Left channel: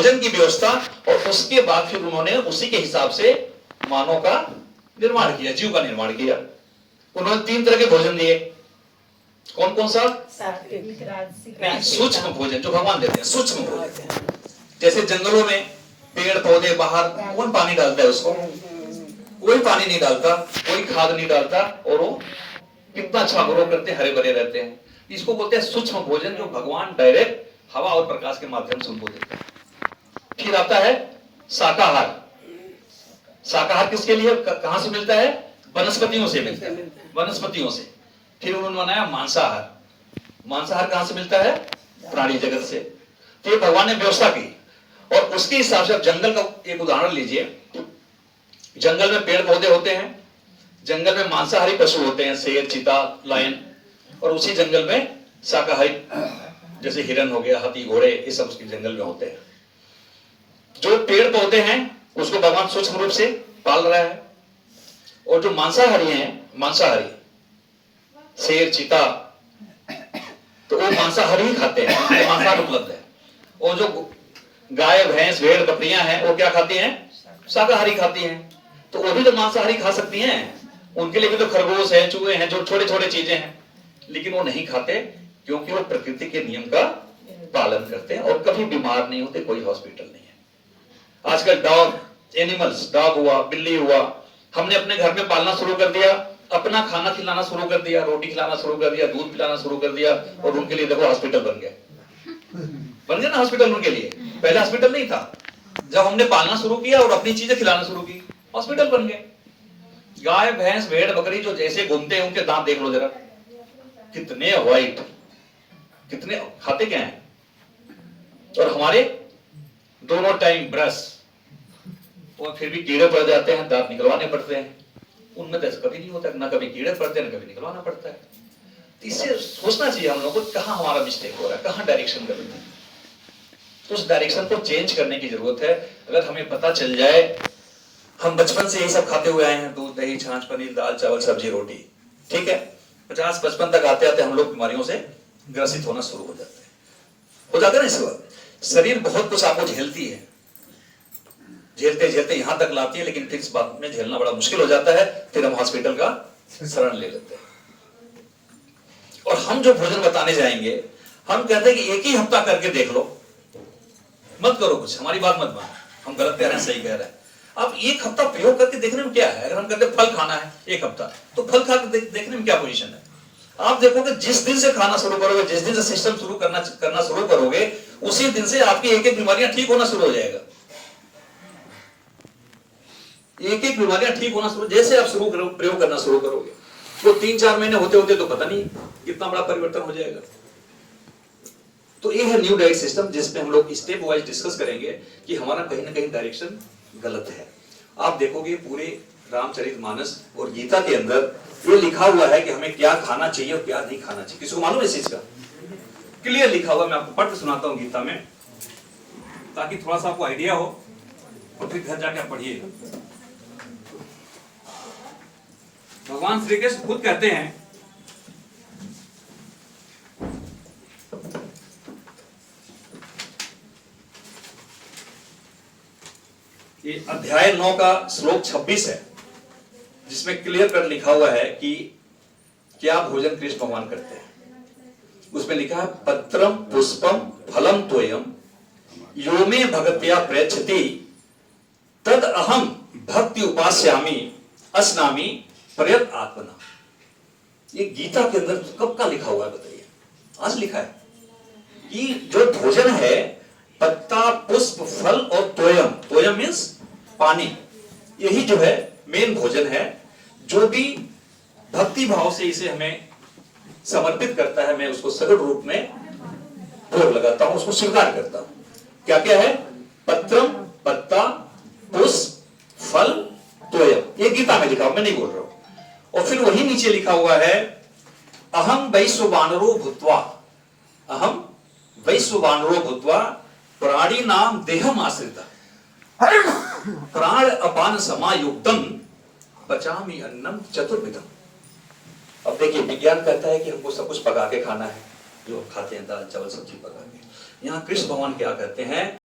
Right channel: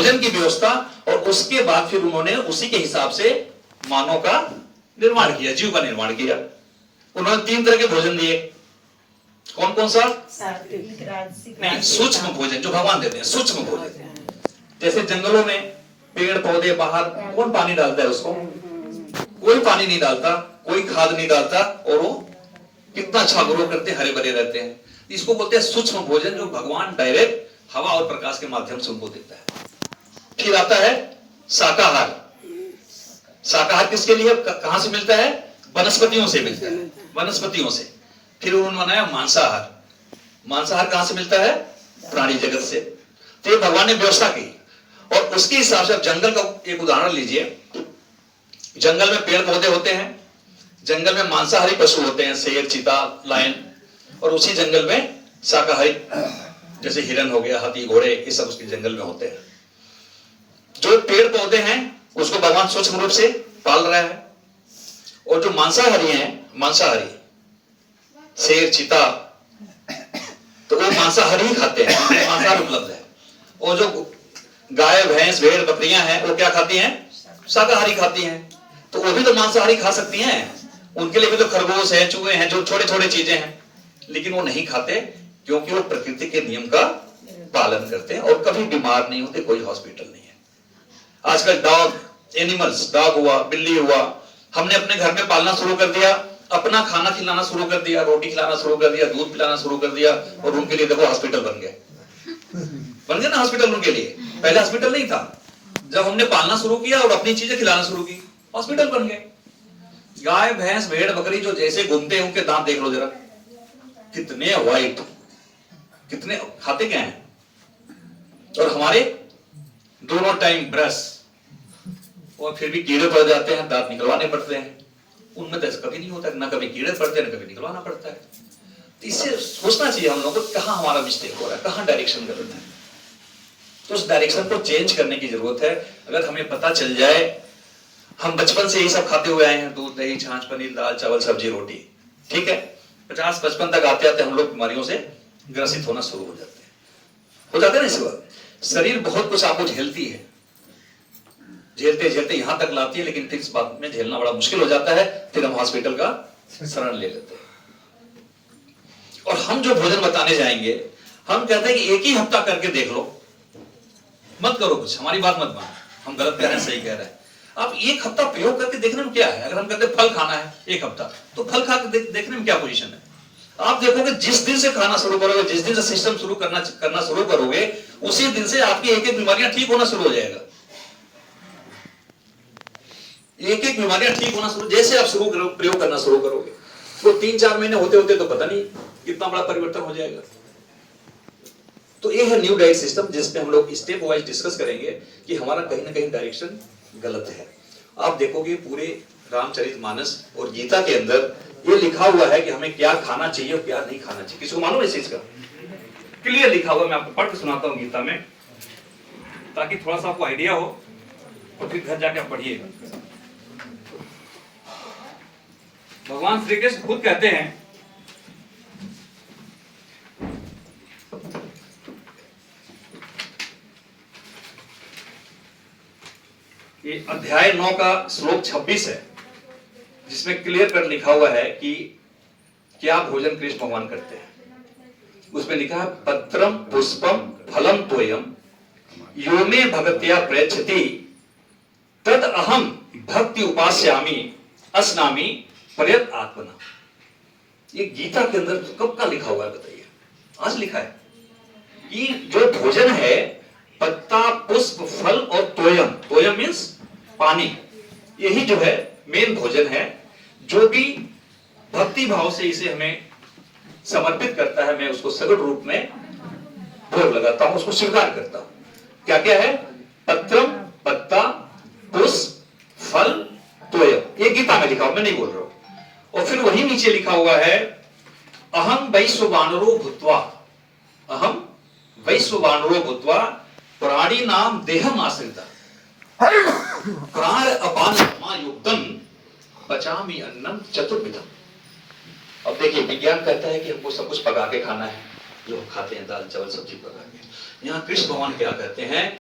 भोजन की व्यवस्था, और उसके बाद फिर उन्होंने उसी के हिसाब से मानव का निर्माण किया, जीव का निर्माण किया। उन्होंने 3 तरह के भोजन दिए। कौन कौन सा? नहीं, सूक्ष्म भोजन जो भगवान देते हैं, सूक्ष्म भोजन। जैसे जंगलों में पेड़ पौधे, बाहर कौन पानी डालता है उसको? कोई पानी नहीं डालता, कोई खाद नहीं डालता, और वो कितना अच्छा ग्रो करते हैं, हरे भरे रहते हैं। इसको बोलते हैं सूक्ष्म भोजन, जो भगवान डायरेक्ट हवा और प्रकाश के माध्यम से उनको देते हैं। फिर आता है शाकाहार। शाकाहार किसके लिए, कहां से मिलता है? वनस्पतियों से मिलता है, वनस्पतियों से। फिर उन्होंने बनाया मांसाहार। मांसाहार कहां से मिलता है? प्राणी जगत से। तो भगवान ने व्यवस्था की, और उसके हिसाब से जंगल का एक उदाहरण लीजिए। जंगल में पेड़ पौधे होते हैं, जंगल में मांसाहारी पशु होते हैं, शेर, चीता, लायन, और उसी जंगल में शाकाहारी जैसे हिरन हो गया, हाथी, घोड़े, ये सब उसके जंगल में होते हैं। जो पेड़ पौधे हैं उसको भगवान सूक्ष्म रूप से पाल रहा है, और जो मांसाहारी हैं, मांसाहारी शेर, चीता, तो वो मांसाहारी ही खाते हैं, मांसाहार उपलब्ध है। और जो गाय, भैंस, भेड़, बकरियां हैं, वो क्या खाती हैं? शाकाहारी खाती हैं। तो वो भी तो मांसाहारी खा सकती हैं, उनके लिए भी तो खरगोश है, चूहे हैं, जो छोटे छोटे चीजें हैं, लेकिन वो नहीं खाते, क्योंकि वो प्रकृति के नियम का पालन करते हैं और कभी बीमार नहीं होते, कोई हॉस्पिटल नहीं है। आजकल डॉग, एनिमल्स, डॉग हुआ, बिल्ली हुआ, हमने अपने घर में पालना शुरू कर दिया, अपना खाना खिलाना शुरू कर दिया, रोटी खिलाना शुरू कर दिया, दूध पिलाना शुरू कर दिया, और उनके लिए देखो हॉस्पिटल बन गए, बन गए ना हॉस्पिटल उनके लिए। पहले हॉस्पिटल नहीं था, जब हमने पालना शुरू किया और अपनी चीजें खिलाना शुरू की, हॉस्पिटल बन गए। गाय, भैंस, भेड़, बकरी जो जैसे घूमते हैं, उनके दांत देख लो जरा, कितने व्हाइट, कितने खाते क्या हैं। और हमारे दोनों टाइम ब्रश, और फिर भी कीड़े पड़ जाते हैं, दांत निकलवाने पड़ते हैं। उनमें तो ऐसा कभी नहीं होता, ना कभी कीड़े पड़ते हैं, ना कभी निकलवाना पड़ता है। तो इससे सोचना चाहिए हम लोगों को, कहां हमारा मिस्टेक हो रहा है, कहां डायरेक्शन गलत है। तो उस डायरेक्शन को चेंज करने की जरूरत है। अगर हमें पता चल जाए, हम बचपन से ये सब खाते हुए आए हैं, दूध, दही, छाछ, पनीर, दाल, चावल, सब्जी, रोटी, ठीक है, 50-55 तक आते आते हम लोग बीमारियों से ग्रसित होना शुरू हो जाते हैं ना। इस वक्त शरीर बहुत कुछ आपको झेलती है, झेलते झेलते यहां तक लाती है, लेकिन फिर इस बात में झेलना बड़ा मुश्किल हो जाता है, फिर हम हॉस्पिटल का शरण ले लेते हैं। और हम जो भोजन बताने जाएंगे, हम कहते हैं कि एक ही हफ्ता करके देख लो, मत करो कुछ, हमारी बात मत मानो, हम गलत कह रहे हैं, सही कह रहे हैं। आप एक हफ्ता प्रयोग करके देखने में क्या है। अगर हम कहते हैं फल खाना है एक हफ्ता, तो फल खा के देखने में क्या पोजीशन है। आप देखोगे जिस दिन से खाना शुरू करोगे, जिस दिन से सिस्टम शुरू करना शुरू करोगे, उसी दिन से आपकी एक एक बीमारियां ठीक होना शुरू हो जाएगा। एक एक बीमारियां ठीक होना शुरू, जैसे आप प्रयोग करना शुरू करोगे, तो 3-4 महीने होते होते तो पता नहीं कितना बड़ा परिवर्तन हो जाएगा। तो ये है न्यू डाइट सिस्टम, जिसमें हम लोग स्टेप वाइज डिस्कस करेंगे कि हमारा कहीं ना कहीं डायरेक्शन गलत है। आप देखोगे पूरे रामचरितमानस और गीता के अंदर ये लिखा हुआ है कि हमें क्या खाना चाहिए और क्या नहीं खाना चाहिए। किसी को मालूम है इस चीज का? क्लियर लिखा हुआ, मैं आपको पढ़ के सुनाता हूं गीता में, ताकि थोड़ा सा आपको आइडिया हो, और फिर घर जाके आप पढ़िए। भगवान श्री कृष्ण खुद कहते हैं, ये अध्याय 9 का श्लोक 26 है, जिसमें क्लियर कर लिखा हुआ है कि क्या भोजन कृष्ण भगवान करते हैं। उसमें लिखा है, पत्रम पुष्पम फलम तोयम यो मे भगत्या प्रयच्छति तद अहम भक्ति उपास्यामि अस्नामि प्रयत आत्मना। ये गीता के अंदर कब का लिखा हुआ है बताइए? आज लिखा है कि जो भोजन है, पत्ता, पुष्प, फल और तोयम, तोयम मीन्स पानी, यही जो है मेन भोजन है। जो भी भक्ति भाव से इसे हमें समर्पित करता है, मैं उसको सगुण रूप में भोग लगाता हूं, उसको स्वीकार करता हूं। क्या क्या है? पत्रम, पत्ता, पुष्प, फल, तोयम। ये गीता में लिखा हुआ, मैं नहीं बोल रहा हूं। और फिर वही नीचे लिखा हुआ है, अहम वैश्ववानरो भूत्वा, अहम वैश्ववानरो भूत्वा प्राणी नाम देहम आश्रिता प्राण अपान समायुक्तम पचामी अन्नम चतुर्विधम। अब देखिए, विज्ञान कहता है कि हमको सब कुछ पका के खाना है, जो खाते हैं दाल चावल सब्जी पका के। यहाँ कृष्ण भगवान क्या कहते हैं?